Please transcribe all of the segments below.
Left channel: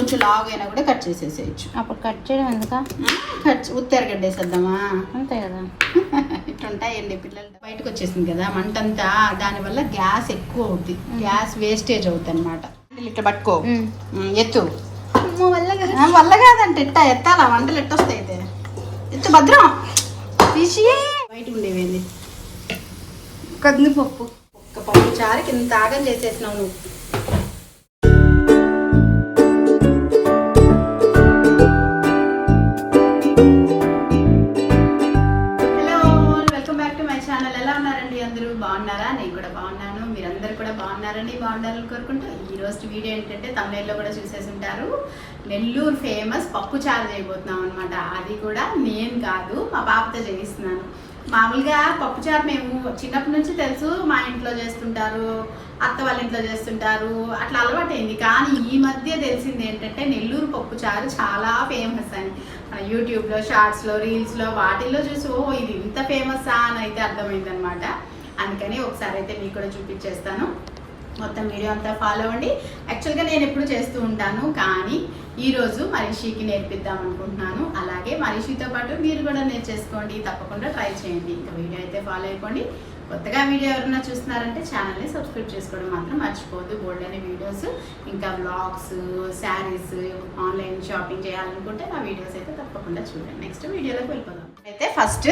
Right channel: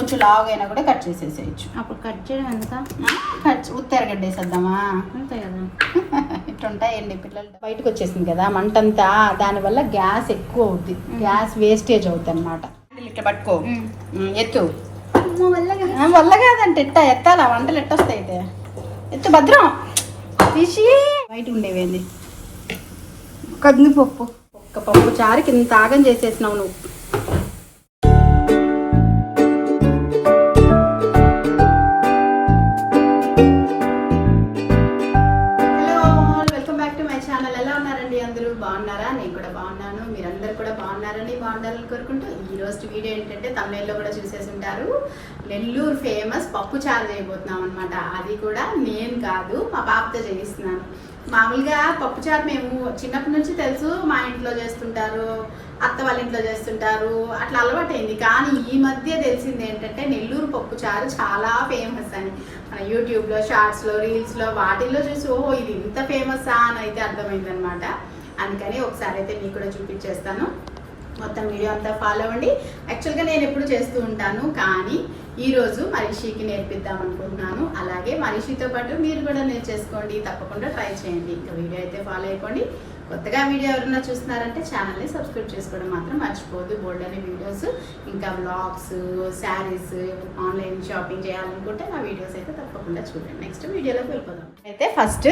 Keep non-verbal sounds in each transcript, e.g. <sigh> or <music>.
కొంచెం లాగ్ అయినా కూడా కట్ చేసేసేయచ్చు. అప్పుడు కట్ చేయడం ఎందుక? కట్ ఉత్తెరగడ్డ వేసేద్దామా అంతే కదా. <laughs> ఇట్లుంటాయండి పిల్లలు. బయటకు వచ్చేసింది కదా మంట అంతా దానివల్ల గ్యాస్ ఎక్కువ అవుద్ది. గ్యాస్ వేస్టేజ్ అవుతుంది అనమాట ఇట్లా పట్టుకో. ఎత్తు. వల్ల కాదంటే ఎట్ట ఎత్తాలా? వంటలు ఎట్టొస్తాయి అయితే ఎత్తు భద్రం. తీసి. బయట ఉండేవేంది? కందిపప్పు. ఒక్క పప్పు చారుకి ఇంత ఆగం చేసేసినావు నువ్వు. బాగున్నాను కూడా బాగున్నారని బాగుండాలని కోరుకుంటూ ఈ రోజు వీడియో ఏంటంటే తమిళలో కూడా చూసేసి ఉంటారు నెల్లూరు ఫేమస్ పప్పు చారు చేయబోతున్నాం అనమాట అది కూడా నేను కాదు మా పాపతో చేయిస్తున్నాను. మామూలుగా పప్పు చారు మేము చిన్నప్పటి నుంచి తెలుసు మా ఇంట్లో చేస్తుంటారు అత్త వాళ్ళ ఇంట్లో చేస్తుంటారు అట్లా అలవాటైంది. కానీ ఈ మధ్య తెలిసింది ఏంటంటే నెల్లూరు పప్పు చారు చాలా ఫేమస్ అని. మన యూట్యూబ్లో షార్ట్స్లో రీల్స్లో వాటిల్లో చూసి ఓ ఇది ఇంత ఫేమస్ అని అయితే అర్థమైంది అనమాట అందుకని ఒకసారి అయితే మీకు కూడా చూపించేస్తాను. మొత్తం వీడియో అంతా ఫాలో అవ్వండి. యాక్చువల్గా నేను ఎప్పుడు చేస్తూ ఉంటాను కానీ ఈరోజు మనిషికి నేర్పిద్దాం అనుకుంటున్నాను. అలాగే మనిషితో పాటు మీరు కూడా నేర్చేసుకోండి తప్పకుండా ట్రై చేయండి. ఇంకా వీడియో అయితే ఫాలో అయిపోండి. కొత్తగా వీడియో ఎవరైనా చూస్తున్నారంటే ఛానల్ని సబ్స్క్రైబ్ చేసుకోవడం మాత్రం మర్చిపోదు బోల్డ్ అనే వీడియోస్ ఇంకా వ్లాగ్స్ శారీస్ ఆన్లైన్ షాపింగ్ చేయాలనుకుంటే నా వీడియోస్ అయితే తప్పకుండా చూడండి. నెక్స్ట్ వీడియోలోకి వెళ్ళిపోదాం. అయితే ఫస్ట్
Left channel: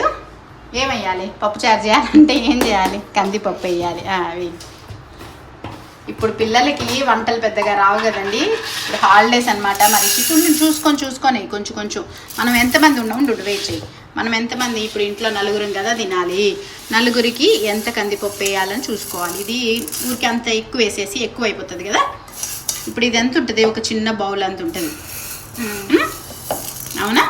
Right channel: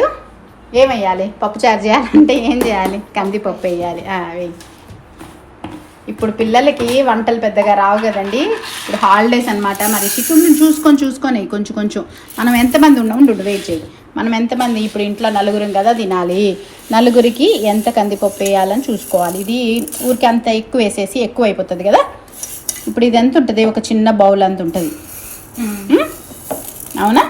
ఏమయ్యాలి? పప్పు చారు చేయాలంటే ఏం చేయాలి? కందిపప్పు వేయాలి. వేయి. ఇప్పుడు పిల్లలకి వంటలు పెద్దగా రావు కదండి. ఇప్పుడు హాలిడేస్ అనమాట మరి చికెన్ చూసుకొని చూసుకొని కొంచెం కొంచెం. మనం ఎంతమంది ఉన్నాం ఉండు వెయిట్ చేయి. మనం ఎంతమంది ఇప్పుడు ఇంట్లో నలుగురం కదా తినాలి. నలుగురికి ఎంత కందిపప్పు వేయాలని చూసుకోవాలి. ఇది ఊరికి అంత ఎక్కువ వేసేసి ఎక్కువ అయిపోతుంది కదా. ఇప్పుడు ఇది ఎంత ఉంటుంది? ఒక చిన్న బౌల్ అంత ఉంటుంది? అవునా.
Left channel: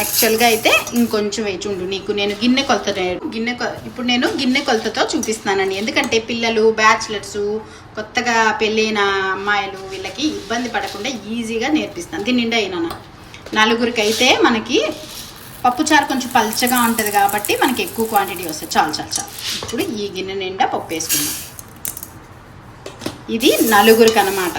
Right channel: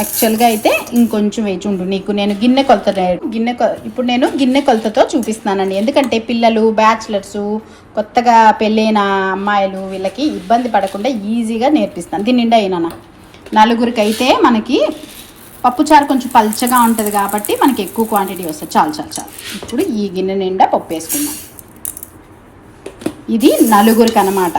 యాక్చువల్గా అయితే ఇంకొంచెం వేచి ఉండు. నీకు నేను గిన్నె కొలత గిన్నె ఇప్పుడు నేను గిన్నె కొలతతో చూపిస్తానండి ఎందుకంటే పిల్లలు బ్యాచిలర్స్ కొత్తగా పెళ్ళైన అమ్మాయిలు వీళ్ళకి ఇబ్బంది పడకుండా ఈజీగా నేర్పిస్తాను. దీని నిండా అయినా నలుగురికి అయితే మనకి పప్పుచారు కొంచెం పల్చగా ఉంటుంది కాబట్టి మనకి ఎక్కువ క్వాంటిటీ వస్తుంది చాలు చాలు చాలు. ఇప్పుడు ఈ గిన్నె నిండా పప్పు వేసుకుందాం. ఇది నలుగురికి అనమాట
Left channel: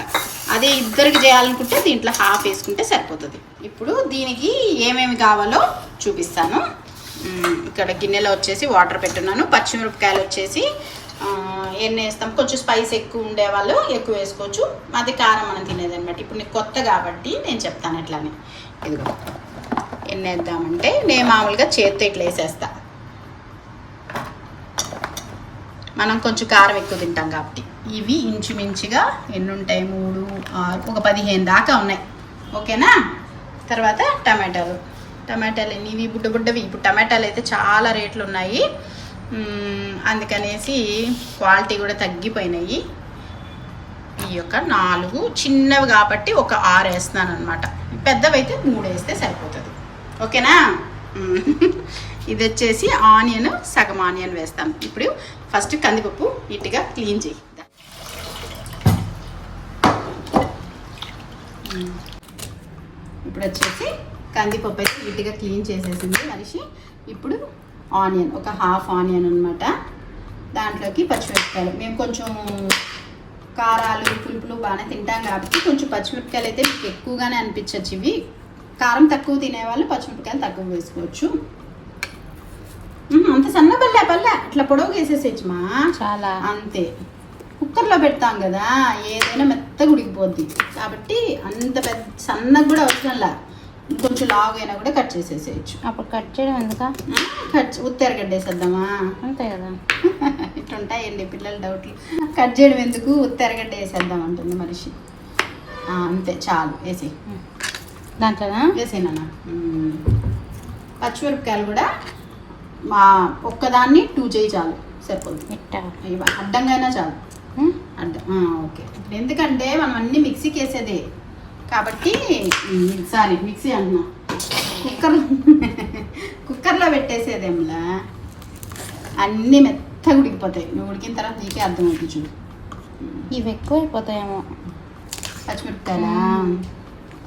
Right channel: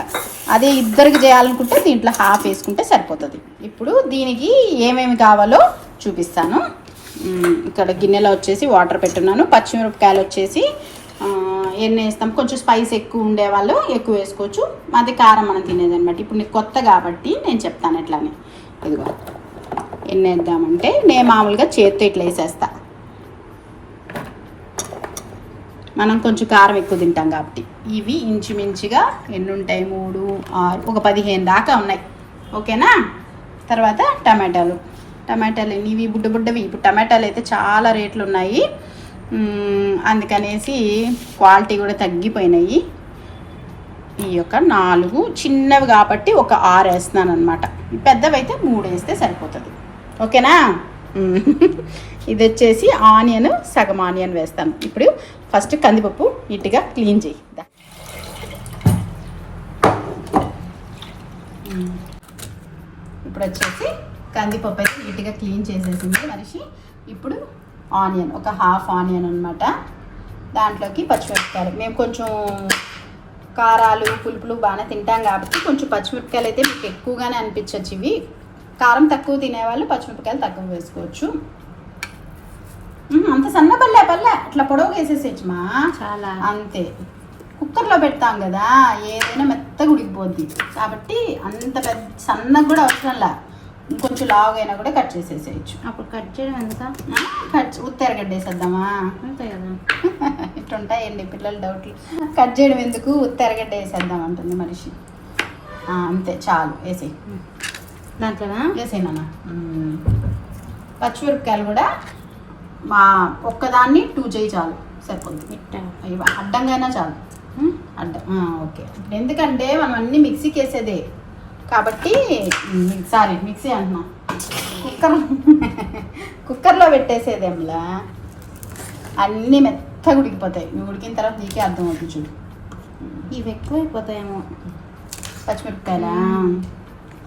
అదే ఇద్దరికి చేయాలనుకుంటే దీంట్లో హాఫ్ వేసుకుంటే సరిపోతుంది. ఇప్పుడు దీనికి ఏమేమి కావాలో చూపిస్తాను. ఇక్కడ గిన్నెలో వచ్చేసి వాటర్ పెట్టున్నాను. పచ్చిమిరపకాయలు వచ్చేసి ఎన్ని వేస్తాం? కొంచెం స్పైస్ ఎక్కువ ఉండేవాళ్ళు ఎక్కువ వేసుకోవచ్చు. అది కారం మనం తినేది అనమాట. ఇప్పుడు నీకు కొత్త కాబట్టి నేను చెప్తాను ఎట్లానే ఇదిగో ఎన్ని వేద్దామంటే నేను మామూలుగా చేత్తో ఇట్లా వేసేస్తాను మనం కొంచెం కారం ఎక్కువ తింటాం కాబట్టి. ఇవి ఇంచుమించుగా ఎన్ని ఉంటాయి మూడు ఆరు ఒక పదిహేను దాకా ఉన్నాయి. ఓకేనా? తర్వాత టమాటాలు. టమాటాలు ఎన్ని? ఇవి బుడ్డ బుడ్డవి. ఇప్పుడు టమాటాలు అయితే చాలా రేట్లు ఉన్నాయి. అందుకనేసి క్వాలిటీ కూడా తగ్గిపోయినాయి. ఈ యొక్క నాలుగు చిన్నవి కాబట్టి ఒక ఆరు వేస్తున్నాను అనమాట పెద్దవి అయితే మూడు వేస్తే సరిపోతుంది. ఓకేనా? ఇది వచ్చేసి ఆనియన్ సగం ఆనియన్ వేస్తాను. ఇప్పుడు ఫస్ట్ కందిపప్పు నీట్గా క్లీన్ చేయి. ఇప్పుడు వచ్చేసి కందిపప్పు అయితే నీట్గా క్లీన్ చేసేసింది మనిషి. ఇప్పుడు ఆనియన్ ఒక హాఫ్ ఆనియన్ అన్నమాట. దాంట్లోకి పచ్చిమిరపకాయలు మేము కొంచెం కారాలు పులుపులు బాగానే తింటాం కాబట్టి కొంచెం పచ్చిమిరపకాయలు అయితే మీకు ఎక్కువగానే అనిపించచ్చు ఇవి. కారం తక్కువ తినేవాళ్ళు పచ్చిమిరపకాయలు తక్కువ వేసుకోవచ్చు. అంత సన్న పల్లె పల్లె. అట్లా పొడవు వేసేసేచ్చు మా. చాలా. అంతే. కుక్కర్లో పెడతాం కదా ఏదైనా మెత్తగా ఉడికిపోద్ది. కాబట్టి అంత పెద్ద సన్నగా కూడా అవసరంలా ఇంకొంచెం లావు అయినా కూడా కట్ చేసేసేయచ్చు. అప్పుడు కట్ చేయడం ఎందుక? కట్ ఉత్తెరగడ్డ వేసేద్దామా అంతే కదా. <laughs> ఇట్లుంటాయండి పిల్లల డౌట్లు. కట్ చేయడం ఎందుకు? ఉత్తెరగడ్డ వేసేద్దాం అంటుంది మనిషి. అంతే చాలు. వేసి దాంట్లోనా? వేసేనా పచ్చిమిరపకాయలు కూడా మా ఒక్కదాన్ని టూ చేయి చాలు ఇట్ట అయ్యో అడ్డంగానే చాలు. అడ్డం ఓకే. ఇప్పుడు ఎందుకంటే మనం అన్ని మిక్సీకి వేసేదే కాబట్టి సారీ మిక్సీ అంటున్నా. కుక్కర్ కుక్కర్లో పెట్టేసేదేంలా అన్నీ మెత్తగా ఉడికిపోతాయి. నువ్వు ఉడికిన తర్వాత నీకే అర్థమవుతుంది చూడు. ఇవి ఎక్కువైపోతాయేమో. పచ్చిమిరపకాయలా?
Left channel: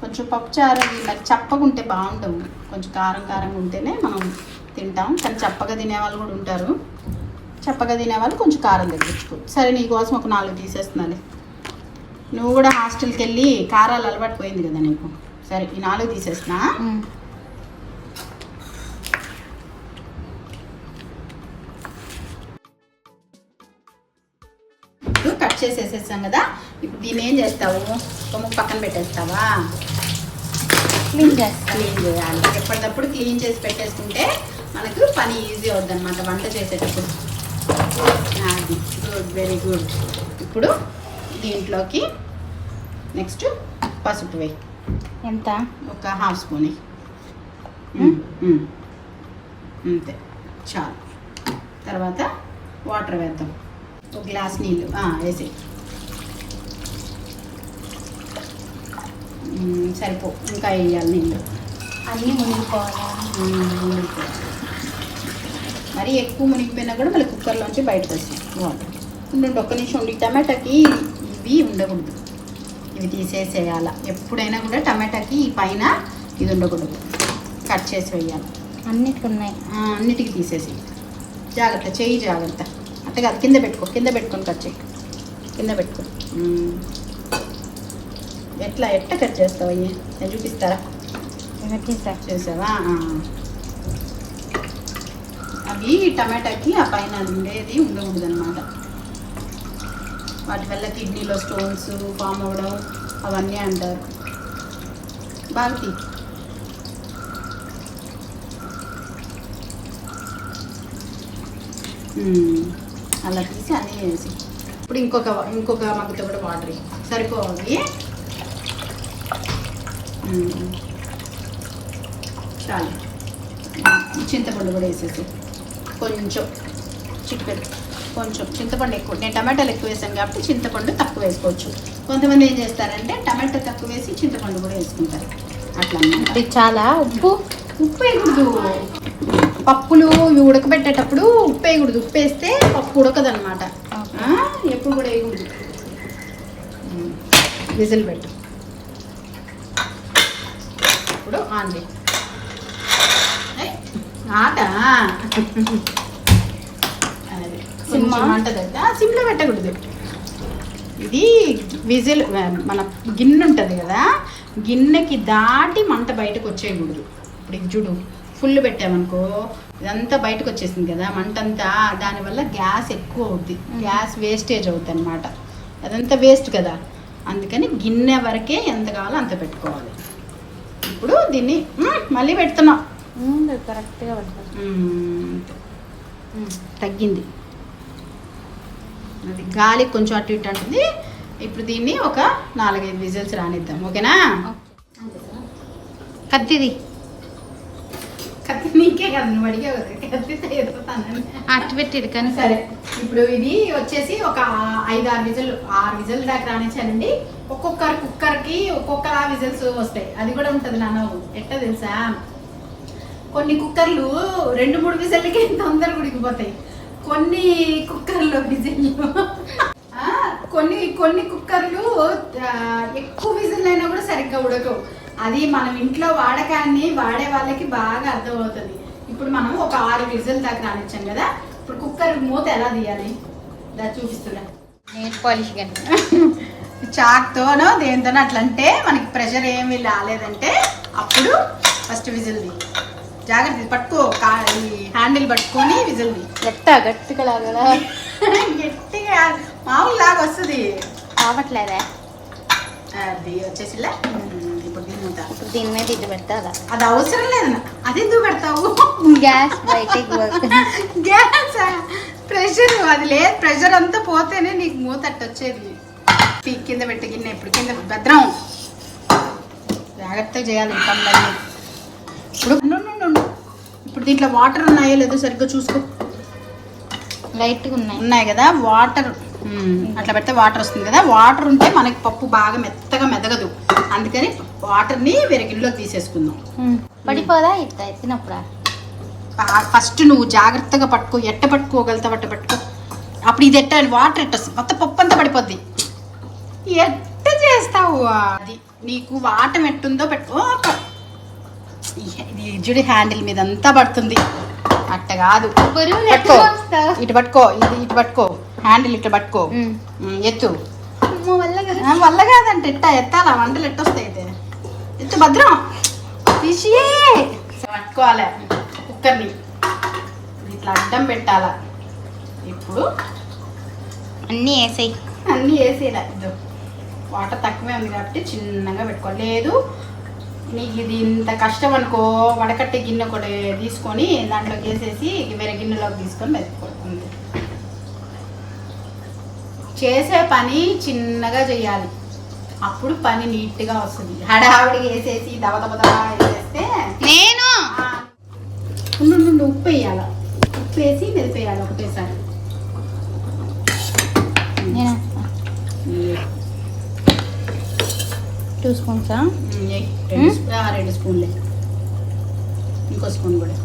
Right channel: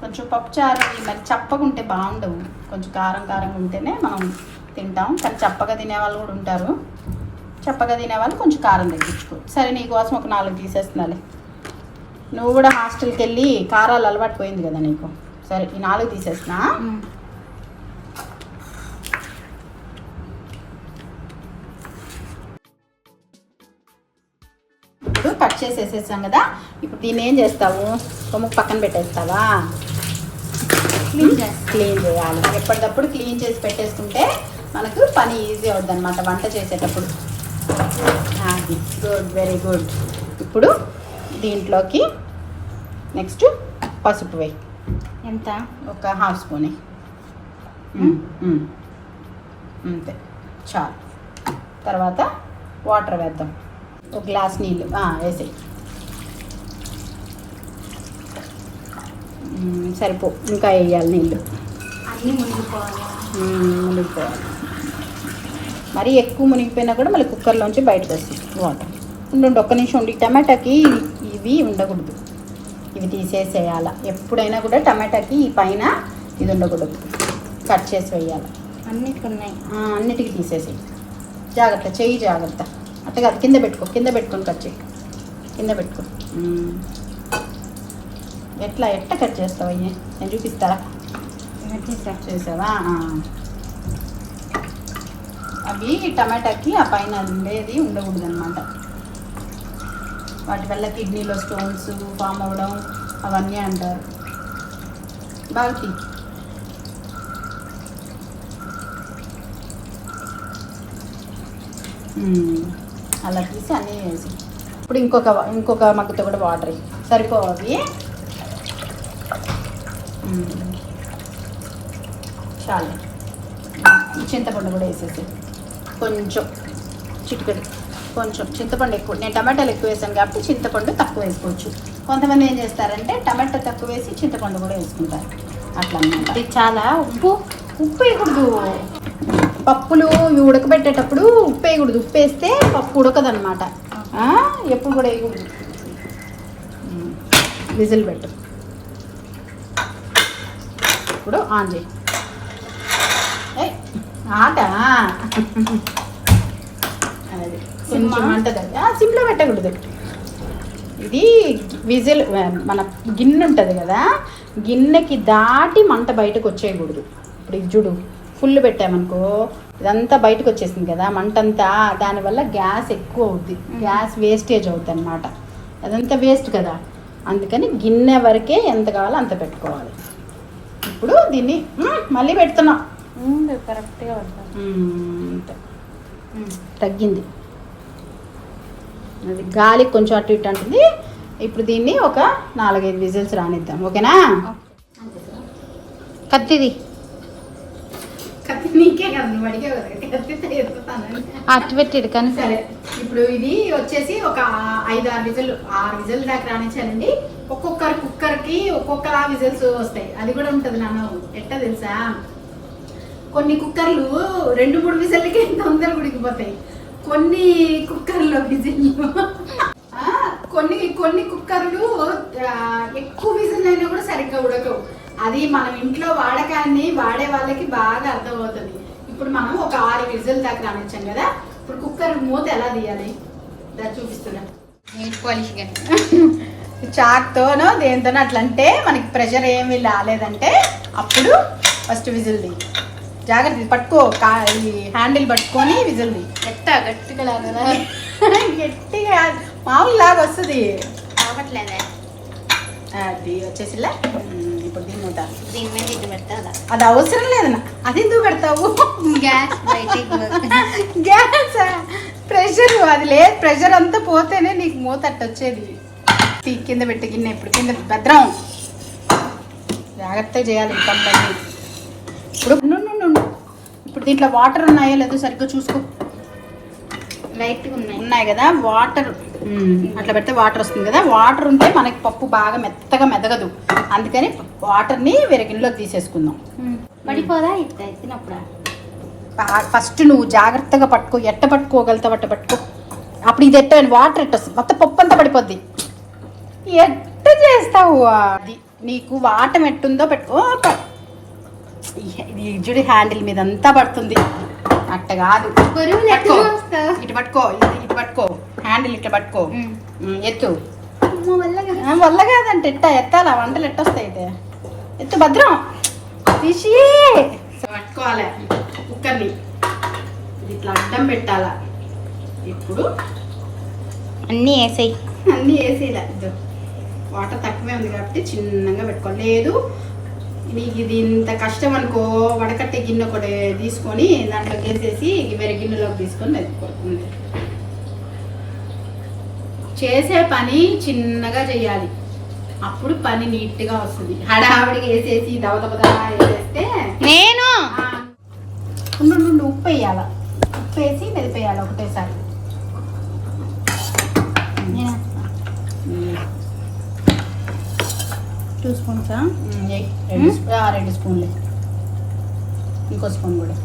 కొంచెం పప్పుచారు ఇలా చప్పగా ఉంటే బాగుండవు. కొంచెం కారం కారంగా ఉంటేనే మనం తింటాం. కానీ చప్పగా తినే వాళ్ళు కూడా ఉంటారు. చప్పగా తినే వాళ్ళు కొంచెం కారం తగ్గించుకో. సరే నీ కోసం ఒక నాలుగు తీసేస్తున్నాలే. నువ్వు కూడా హాస్టల్కి వెళ్ళి కారాలు అలవాటు పోయింది కదా నీకు. సరే ఈ నాలుగు తీసేస్తున్నా. ఇప్పుడు కట్ చేసేసేసాం కదా. ఇప్పుడు దీన్ని ఏం చేస్తావు? కొమ్ము పక్కన పెట్టేస్తావా? క్లీన్ చేస్తా. క్లీన్ చేయాలి. ఎప్పటికప్పుడు క్లీన్ చేసి పెట్టేసుకుంటే మనకు పని ఈజీ అవుద్ది అనమాట వంట చేసేటప్పుడు. అది. గుడ్ వెరీ గుడ్ ఇప్పుడు దీంట్లోకి నెక్స్ట్ పసుపు వేయి. ఎంత? ఒక హాఫ్ స్పూన్ Hmm. అంతే. చాలు. తర్వాత వాటర్ వేద్దాం. ఒక గ్లాస్ నీళ్ళు. వేసి సరిపో. ఇంకా వేయాలి నీళ్ళు. అన్నీ మునిగిపోవాలి మునిగిపోవాలి మరీ ఎక్కువ మునిగిపోయినా కూడా మళ్ళీ కుక్కర్లోంచి బయటకు వస్తుంది వాటర్ ఉండు ఒక్క నిమిషం ఉండి. టమాటాకి ఇవి ఉండకూడదు. ఇవి తీసేసేయాల. ఎప్పుడైనా కూడా టమాటాకి ఈ పైన ఇది ఉండకూడదు. కట్ చేసి వేయాలి. అన్నిట్లు ఉన్నాయి. అన్నిటికీ తీసేసి జాగ్రత్త చెయ్యి జాగ్రత్త. అట్ట కాదు కింద పెట్టుకో కింద పెట్టుకొని కట్ చేయి. కింద పెట్టుకో. ఎట్లా ఎట్ట కట్ చేస్తావు ఇవి చూపిస్తారా. చేసావా. అవి టమాటాకి ఆ పైన ఉండేది ఉండకూడదు అనమాట వాటి వల్ల కిడ్నీలో స్టోన్స్ ఫామ్ అవ్వడం అవన్నీ అంటారు. బాగా తీ. అలా తీసి అన్నీ వేసి. ఇప్పుడు ఇంకొక ఇంకొక మగ్గుతో కూడా వాటర్ సరిపోవాలి చాలు. చింతపండు కూడా వేసేసి కొంచెం చిటికెడు. కొంచెం చింతపండు ఎక్కువ. నేను టమాటాలు ఎక్కువ వేసాను కాబట్టి చింతపండు తక్కువ వేసుకోవచ్చు. కొంతమంది ఏం చేస్తారంటే టమాటా తక్కువ వేసి చింతపండు కూడా వేసుకుంటారు. అట్లా ఇది చాలా ఉప్పు ఉప్పు వేయకూడదు. పప్పులు ఇవి ఉడకబెట్టేటప్పుడు ఉప్పు వేయకూడదు. ఉప్పు వేస్తే పప్పు ఉడకదనమాట ఎప్పుడు కూడా వేయకూడదు. విజిల్ పెట్టు. ఇప్పుడు ఆన్ చేయి. ఆట? సిమ్లో పెట్టకూడదు. ఇది విజిల్ మన గిన్నె ఉంటుంది కదా గిన్నెకి దాటి మంట బయటకు వచ్చేయకూడదు. ఇప్పుడు ఇది చూడు ఫుల్ పెట్టామనుకో ఇదంతా బయటకు వచ్చేసింది కదా మంట అంతా దానివల్ల గ్యాస్ ఎక్కువ అవుద్ది. గ్యాస్ వేస్టేజ్ అవుద్ది అనమాట అదంతా వేస్ట్ కదా. అందుకని గిన్నె వరకే ఎంత కావాలో అంత పెట్టుకోవాలి. ఇప్పుడు దీన్ని మళ్ళీ పెడుతున్నాం. కరెక్ట్గా తగ్గింది. అది గాలికి కొంచెం అటు ఇటు అంటుంది. ఇప్పుడు దీన్ని ఒక నాలుగైదు విజిల్స్ రానిద్దాం. ఓకేనా? కత్తిది. కత్తి నీకే కదా ఎత్తుతానని. అట్టు పెట్టిడు కానీ సరే. ఇప్పుడు ఇది వచ్చేసి ఒక ఐదు ఆరు విజిల్ ఆరు విజిల్ దాకా రానిచ్చానండి. ఒక్కొక్కరు కుక్కర్కి ఒక్కొక్కలా విజిల్స్ వస్తాయి. అది కూడా ఉంటుంది నాన్న. ఎట్ట తెలుసా? కొన్ని కుక్కర్లు రెండు మూడు విజిల్కి తొందరగా ఉడికిపోతాయి. కొన్ని కుక్కర్లో విజిల్లు. కొన్ని కొన్ని కుక్కర్లు ఎక్కువ విజిల్ అయినా కూడా సరిగ్గా ఉడకవు. అది మనం ఇంట్లో వాడకాన్ని వాడే వాళ్ళకి బాగా అర్థమవుతుంది. ఇప్పుడు మనం ఒక ఆరు విజిల్ దాకా రానిచ్చాం కదా ఇప్పుడు కుక్కర్ మూత ఎలా తీయాలి? దా చూపిస్తున్నా. పాలిష్ చాక్తోనో దేనితోనో అట్లా అంటే మనకి ప్రెషర్ ఏమీ రాలేదంటే అప్పుడు ఫస్ట్ విజిల్ ది జాగ్రత్త పట్టుకో ఈ హ్యాండిల్ పట్టుకొని విజిల్ ది గట్ట గట్టిగా లాగా. గట్టిగా మామూలు లాగా వస్తుంది కావట్లేదే అది వచ్చేసిలా ఇప్పుడు దీని మూత దీని మీద ఇది పెట్టాలా? అది అవసరం లేదు నా. అది ఎందుకు పెడతావు? గ్యాస్. గ్యాస్? ప్రెషర్ అది లేదు. ప్రెషర్ అంతా పోతేనే నీకు మూత వచ్చేది. తీ, కింద పెట్టి గిన్నె ఇప్పుడు. కింద భద్రం జాగ్రత్తగా చేయాలి ఈ పనులన్నీ. ఇప్పుడు. ఇప్పుడు దీంట్లో వాటర్ ఉన్నాయో లేదో సరిగ్గా చూసుకో. లైట్గా ఉన్నాయి. ఉన్నాయి కదా వాటర్ అట్లా పెడితే వాటర్ వస్తుంది కదా. వాటర్ ఉంటే మనకి పప్పు బాగా మెత్తగా మెదగదు. అందుకని వాటర్ని వేరే గిన్నెలోకి తీసేసుకుందాం. పడిపోదా ఇట్లా ఎత్తినప్పుడు? ఫస్ట్ నువ్వు జాగ్రత్తగా పట్టుకో. ఎట్ట పట్టుకోగలుగుతావు అట్ట పట్టుకో. అప్పుడు ఇది ఎట్ట వాటర్ ఎట్ట వస్తుంది? మొత్తం పప్పు అంతా పడిపోద్ది. ఎట్ట చేస్తావు అది? నీకు వాటం ఎట్టుందో పెట్టుకో. ఇది జుడి హ్యాండిల్ మీద అంతా పడుతుంది. అట్ట కాదు. పట్టుకో. ఇటు పట్టుకో ఇది ఇటు పట్టుకో. హ్యాండిల్ ఇట్లా పట్టుకో. ఎత్తు. వల్ల కాదంటే ఎట్ట ఎత్తాలా? వంటలు ఎట్టొస్తాయి అయితే ఎత్తు భద్రం. పట్టుకోవాలి. కుక్కర్ని. ఇట్లా అడ్డం పెట్టాలా? ఇప్పుడు అన్నీ వేసాయి. అన్నీ ఇద్దు వాటర్ తక్కువే ఉంది కాబట్టి చిన్నగా పెట్టుకోవాలి. మీకు ఇది ఇంత కష్టం అనుకో వడకట్టే గిన్నె కూడా తీసుకొని దాంట్లోకి వేసేసి వేరే గిన్నెలోకి తీసుకొని మెతుక్కోండి చేసే పని చిన్నగా చేయాలి. అప్పుడు పని నీట్గా వస్తుంది. హడావిడిగా వేసేసి దవ దవ దవ వేసేస్తే నేను ఉప్పు వేయాల. ఉప్పు వేసి మెదిపేయాలి ఒకటేసారి నేను టూ స్పూన్సా. రెండు స్పూన్లే. ఇంకో స్పూన్ కూడా.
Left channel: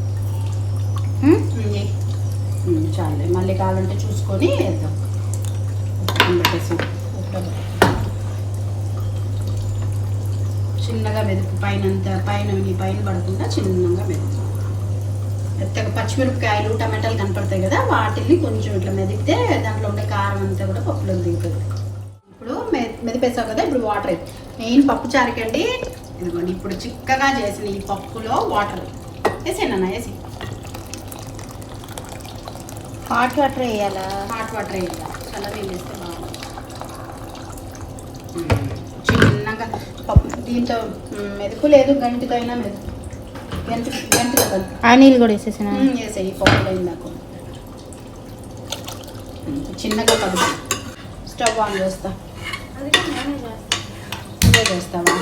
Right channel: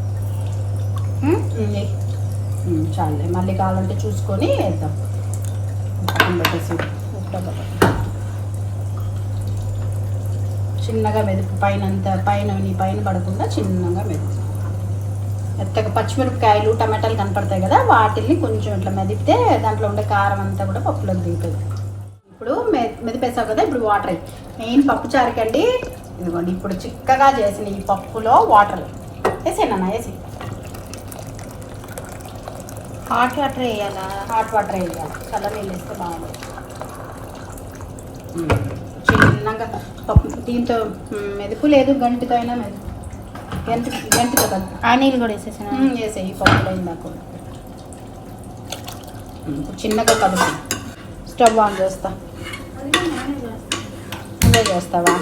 చాలులే. మళ్ళీ కావాలంటే చూసుకొని వేద్దాం. పెట్టేసి. చిన్నగా మెదుపు. పైన అంతా పైన నీ పైన పడకుండా చిన్నగా మెదుపు. మెత్తగా పచ్చిమిరపకాయలు టమాటాలు కనపడతాయి కదా వాటిని కొంచెం ఇట్లా మెదిపితే దాంట్లో ఉండే కారం అంతా కూడా పప్పులోకి దిగుతుంది ఇప్పుడు మె మెదిపేసావు కదా ఇప్పుడు వాటర్ మెయిన్ పప్పు చారుకండి. ఇదిగోండి ఇప్పుడు చిక్కగా చేసిన ఈ పప్పులో వాటర్. వేసేనా వేసి. హాట్ వాటర్ వేయాలా? హాట్ వాటర్ వేయాలి. చల్ల నీళ్ళు వేస్తే బాగుంటుంది. చిన్నగా పప్పు దీంతో మెదుపు లేదు గంటితో అయినా మెదుపు గంటి గంటితో కలుపు ఆ నీళ్ళు కూడా వేసేసాను? వేసేయి పప్పు పోయిందాకు చిన్నగా కలుపు స్టవ్ ఆన్ చేస్తా. చేస్తావా?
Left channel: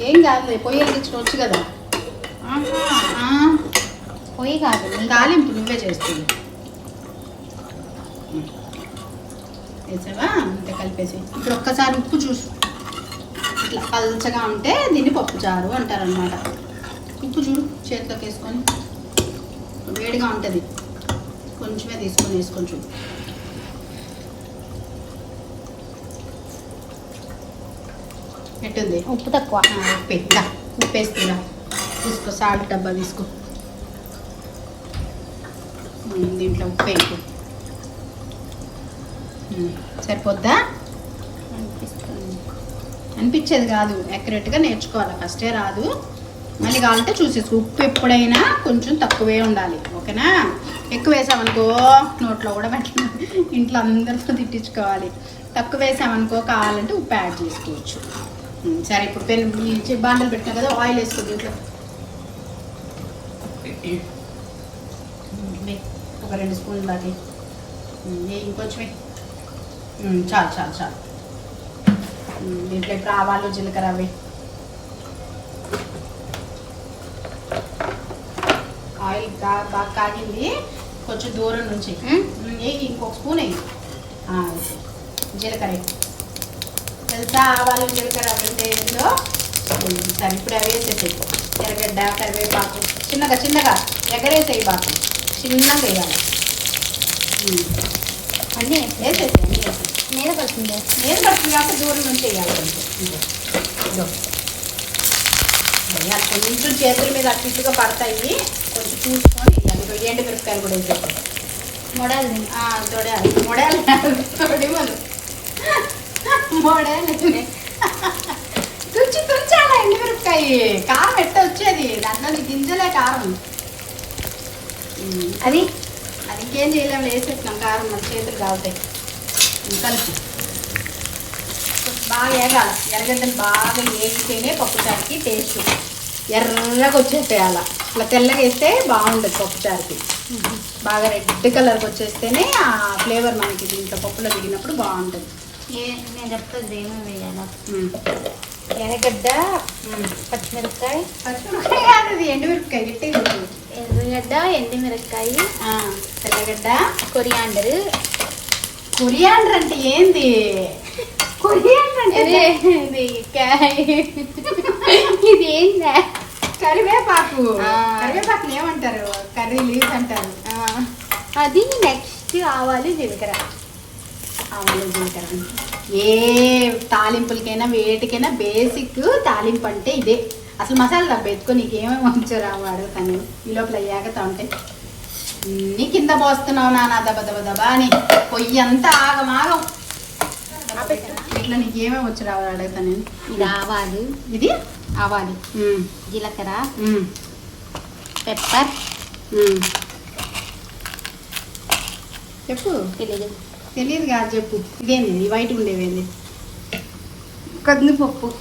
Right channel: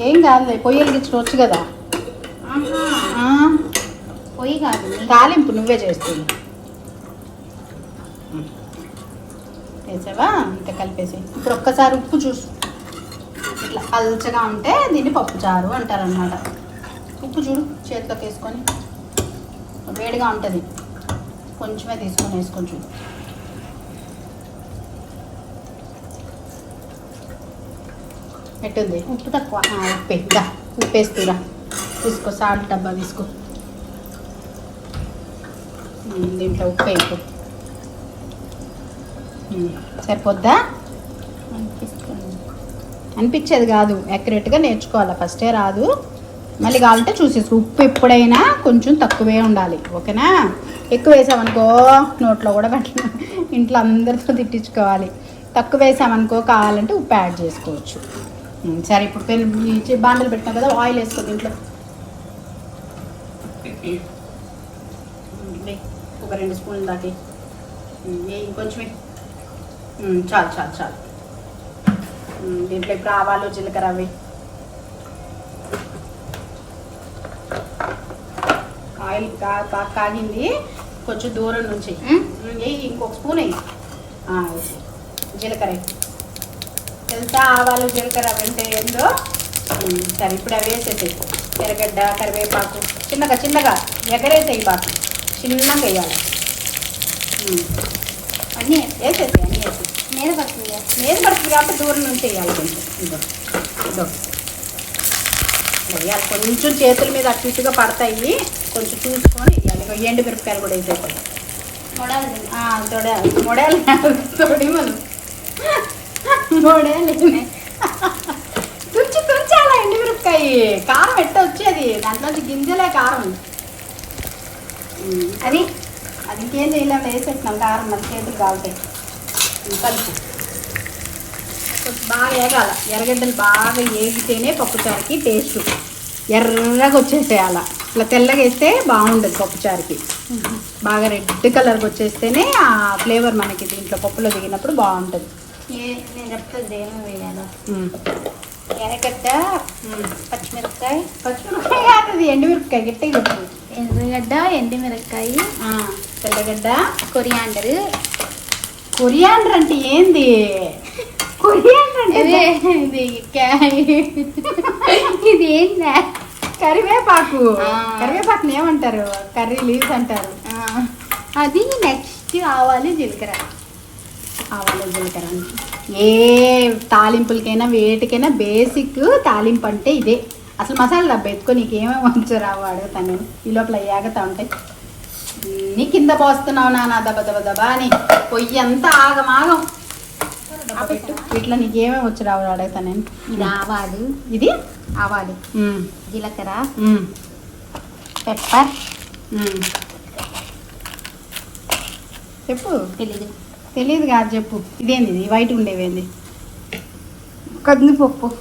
ఏం కాదులే పొయ్యి వెలిగించుకోవచ్చు కదా? ఆ, పొయ్యి కాదు తాలింపు నువ్వే చేస్తుంది వేసావా ఇంకా కలిపేసి. ఇప్పుడు ఒక్కసారి ఉప్పు చూసు. ఇట్లా పల్చగా ఉంటే దీన్ని పప్పు చారు అంటారనమాట ఉప్పు చూడు చేతిలోకి వేసుకొని. వేడిగా ఉంటుంది. కొంచెమే తీసుకొని వేసుకొని చూడు. ఎట్టుంది ఉప్పు తక్కువ. ఉప్పు ఇదా ఉప్పు వేస్తుందా తీసుకో సాల్ట్ డబ్బా తీసుకో. దీంట్లో ఉప్పు ఉమ్, సరిపోద్దా? అనిపించేది కాదు. యాక్యురేట్గా నేర్చుకోవాలి. ఫస్టే రాదు. మళ్ళీ కావాలంటే చూసేసి ఉప్పు ఎప్పుడైనా కొంచెం తక్కువే ఉండాలి. ఓకేనా? ఎక్కువ వేసామనుకో నోట్లో కూడా పట్టి ఇంట్లో అందరితో తిట్టించుకోవాలి. తక్కువ వేసామనుకో కావాలంటే ఉప్పు యాడ్ చేసుకోవచ్చు. సరే ఇప్పుడు పెన్ ఈ బాండలు పెట్టాం కదా ఆయిల్ వేసుకో దీంట్లో. ఒక రెండు స్పూన్లు దాటి ఇంకొంచెం చాలు చాలు చాలు. దీంట్లో ఇప్పుడు ఆవాలు జీలకర్ర అవి. ఆయిల్ బాగా కాగింది. కొంచెం దూరం నుంచి. ఇంకొక స్పూన్. జీలకర్ర తెలుసా ఆవాలు జీలకర్ర అవి ఉంటే ఏందో సరే ఇప్పుడు అవి వేసేసి ఎర్రగడ్డ కరివేపాకు చిన్నగా చిన్నగా ఎగరేసేయి బాగా. చిన్నగా వేయాలి. అన్నీ వేసేసి అన్నీ వేసేసి మీద పడుతుంది నేను పడుతుంది కాబట్టి దూరం నుంచి వేయాలి. కొంచెం చేతుల మీద అటు ఇటుగా పడతాయి. కొంచెం చూసుకొని వేయాలి. ఎండు మిరపకాయలు కూడా వేసేసి మొడాలు తొడాలి. మొడేలు తొడి మనం మొడేలు తుంచి తుంచాల ఎండు కారం ఎట్ట వచ్చేది దాంట్లో గింజలే కారం అని అది ఇంకేం చేయలేము వేసేసినాం కారం మన చేతులు కాలుతాయి ఉమ్, కలిపి బాగా వేగాలి ఎర్రగడ్డలు బాగా వేగితేనే పప్పుచారుకి టేస్ట్ ఎర్రగా వచ్చేసేయాల ఇట్లా తెల్లగా వేస్తే బాగుండదు పప్పుచారుకి బాగా రెడ్ కలర్ వచ్చేస్తేనే ఆ ఫ్లేవర్ మనకి దీంట్లో పప్పులో దిగినప్పుడు బాగుంటుంది. నేను చెప్తాను ఏమో వేయాలో ఎర్రగడ్డ పచ్చిమిరపకాయ పచ్చిమిరపకాయ కాదు అది ఎండుమిరపకాయ గట్టిగా ఎర్రగడ్డ ఎండుమిరపకాయ ఆ కొరియాండర్ కొరియాండర్ అంటే ఏంది కొరియాండర్ ఇది ఇది క్యా- కరివేపాకు కరివేపాకుని ఏమంటారు కర్రీ లీవ్స్ అంటారు అది నెక్స్ట్ ఆవాలు జీలకర్ర. ఆవాలు జీలకర్ర ఏ తాలింపులకైనా వేటికైనా బేసిక్ తాలింపు అంటే ఇదే. అసలు మసాలా డబ్బా ఎత్తుకొని నీకు ఏమేమి వంచారు వాడు తను? ఈ లోపల ఏగతా ఉంటే. నీ కింద పోస్తున్నావు నాన్న దబ దబ దబా అని. పొయ్యి అంతా ఆగమాగం వీటిలో నీకు ఏమేమి వచ్చి రావాలి అడుగుతాను ఇది ఆవాలు. ఇది? ఆవాలు. జీలకర్ర. పెప్పర్. చెప్పు. తెలియదు తెలియదు కాదు చెప్పు. ఇదేంది? ఇది వైట్ ఉండేవేంది? కందిపప్పు?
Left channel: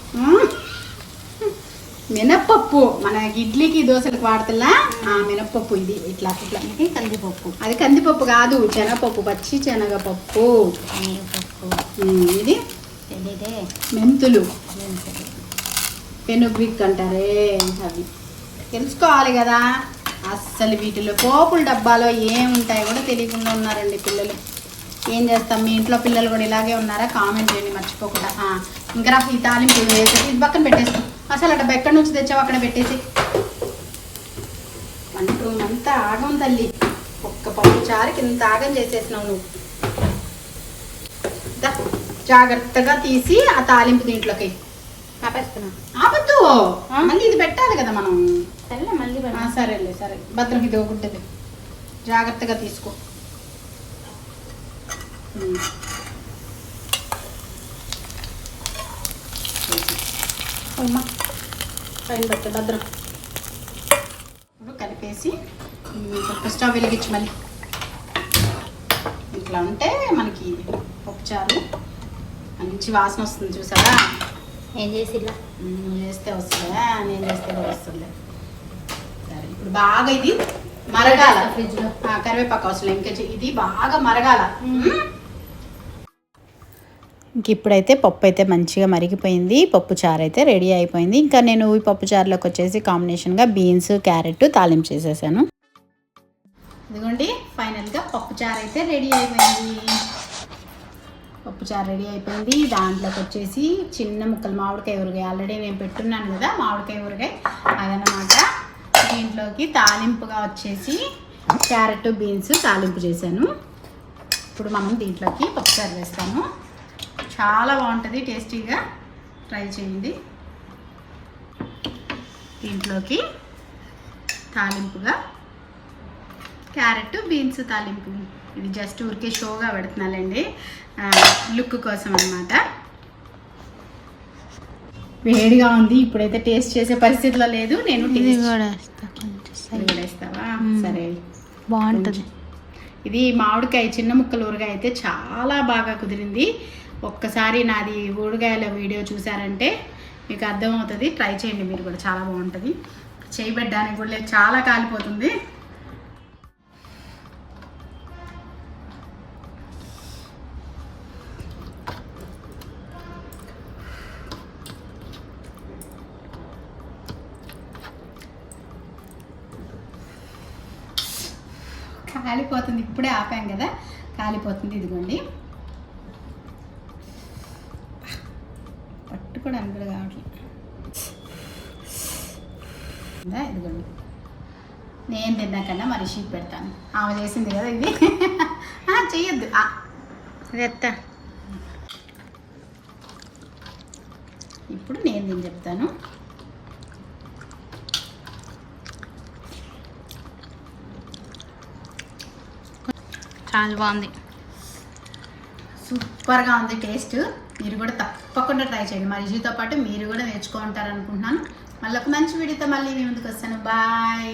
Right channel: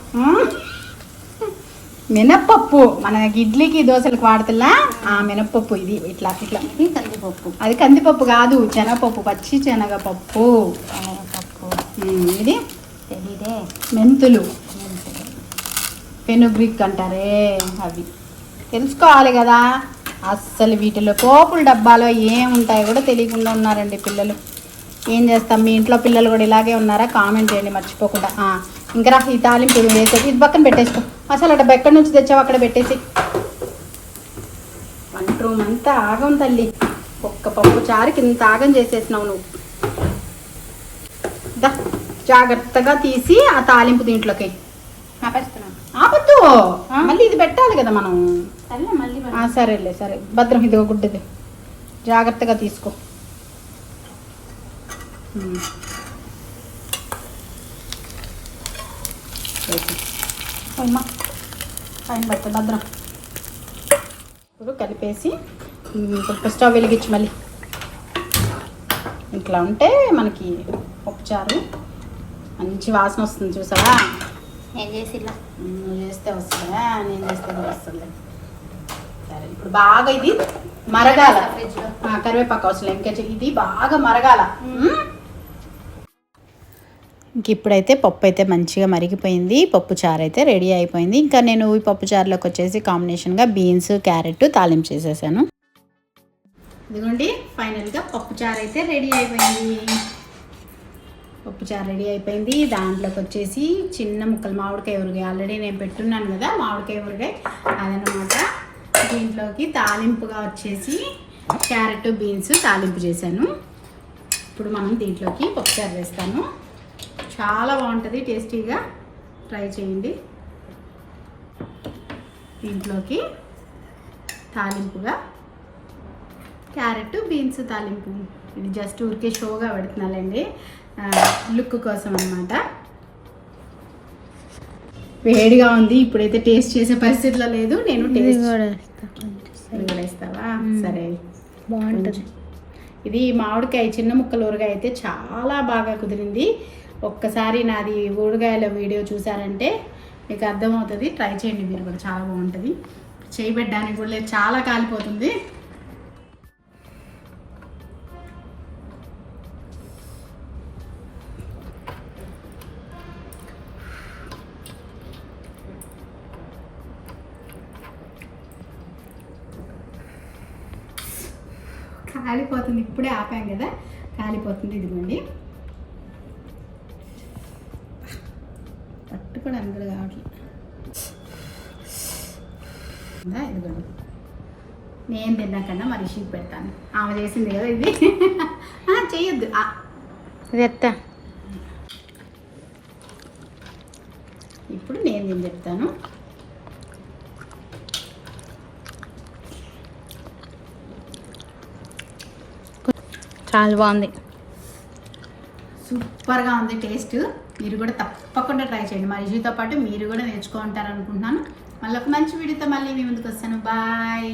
మినప్పప్పు. మన ఇడ్లీకి దోశలకు వాడుతున్నా ఆ మినప్పప్పు ఇది. ఇట్లా ఇట్లా. ఇది కందిపప్పు. అది కందిపప్పు కాదు. శనగపప్పు పచ్చి శనగపప్పు. శనగపప్పు. ఇది? తెలీదే. మెంతులు. మెంతులు. పెనుగ్రిక్ అంటారే. అవి. తెలుసుకోవాలి కదా. అస్సలు వీటిలో పోపుల డబ్బాలో ఏముంటాయో కూడా తెలియకుండా ఉన్నారండి పిల్లలు. ఏం చేస్తాం? మీ ఇంట్లో పిల్లలు కూడా ఇలాగే ఉన్నారా? కామెంట్ చేయండి మర్చిపోకుండా. ఇంకా రా, ఈ తాలింపు ఇది ఉంది. ఇది పక్కన పెట్టేసుకో. అసలు అక్కడ ఎక్కడి నుంచి తెచ్చావు అక్కడ పెట్టేసి. వంట రూమ్ అంతా ఆగం తల్లి. ఒక్క పప్పు చారుకి ఇంత ఆగం చేసేసినావు నువ్వు. జాగ్రత్తగా తీసి ఆ తాలింపు దీంట్లోకి. ఆపద్దు. మళ్ళీ ఇది పెట్టాలి కదా మనం. సరేలే సరే. భద్రం ఇది గుడ్డది. జాగ్రత్తగా తీసుకో. పైన పెట్టు భద్రం. ఇప్పుడు కలిపేసి ఇప్పుడు స్టవ్ వెలిగించి మళ్ళీ. ఇట్లా ఉంటే మనకి పప్పుచారు మంచి వాసన వస్తుంది చూసారా నువ్వు చేస్తే వస్తుందా? నేను చేస్తే కూడా వస్తుంది సరే ఇప్పుడు బాగా ఇది మరగాల. ఫ్రిడ్జ్ కరివేపాకు అవసరం ఇంకా ఇది బాగా మరగాల. ఇంక ఇప్పుడైతే పప్పు అయితే మంచిగా మరిగిపోయింది పప్పు చారు అయితే రెడీ అయిపోయింది. ఇంకా నేను ఈ పప్పు చారులోకి వచ్చేసి కాంబినేషన్గా బీన్స్ క్యారెట్ తాలింపు చేసేసాను. ఇదిగోండి ఫైనల్గా పప్పు చారు అయితే రెడీ అయిపోయింది. పప్పు చారు రెడీ అయిపోయింది. దాంట్లోకి వచ్చేసి చిన్న ముక్కలు మామిడికాయ ఊరగాయ. ఆల్రెడీ నేను పెట్టున్నాను కదా మామిడికాయ ఊరగాయ అదనమాట. దీంట్లోకి తాలింపుగా వచ్చేసి క్యారెట్ బీన్స్ తాలింపు చేశాను. ఇప్పుడు మనం దీంట్లోకి పప్పుచారు వేస్తాము. చాలా బాగుంటుంది టేస్టీగా ట్రై చేయండి. దీంట్లోకి తాలింపుగా క్యారెట్ బీన్స్ తాలింపు. ఇది జస్ట్ ఊరికే షోగా పెడుతున్నానండి. లుక్ కోసం అన్నమాట. వేడిగా ఉంది ఇప్పుడైతే టేస్ట్ చేసే పరిస్థితిలో లేదు నేను వేస్తావా. సరే. బాగుంటుంది. ఇది మామిడికాయ చిన్న ముక్కల ఊరగాయ అయితే చాలా బాగా కుదిరింది. ఒక్కసారి నాది ఊరగాయల వీడియో చూసారంటే మీకు అర్థమవుతుంది. ట్రై చేయండి మీరు కూడా చాలా బాగుంటుంది. చేయబెట్టడానికి కూడా లేదు చాలా కాలిపోతుంది. కాలిపోతుంది ఇప్పుడే ఆపాం కదా. కాలిపోతుంది ఇదిగోండి. పట్టుకోవడానికి కూడా కావట్లేదు ఇదిగోండి. నేను తిన్నాకన్నా మరి షీట్ పెడతాను. ఆమె చేసింది కదా ఇది. ఆ, చెయ్యొద్దు. ఆ, ఇది ఎత్తా. ఇప్పుడు నేను నేను చెప్తాను. చాలా బాగుంది. సూపర్గా ఉంది టేస్ట్. మీరు కూడా తప్ప తప్పకుండా ట్రై చేయండి. మా రుచితో పాటు మీరు కూడా నేర్చుకుంటారు అనుకుంటున్నాను మళ్ళీ ఒక మంచి వీడియోతో మళ్ళీ మీ ముందుకు వస్తాను. బాయ్.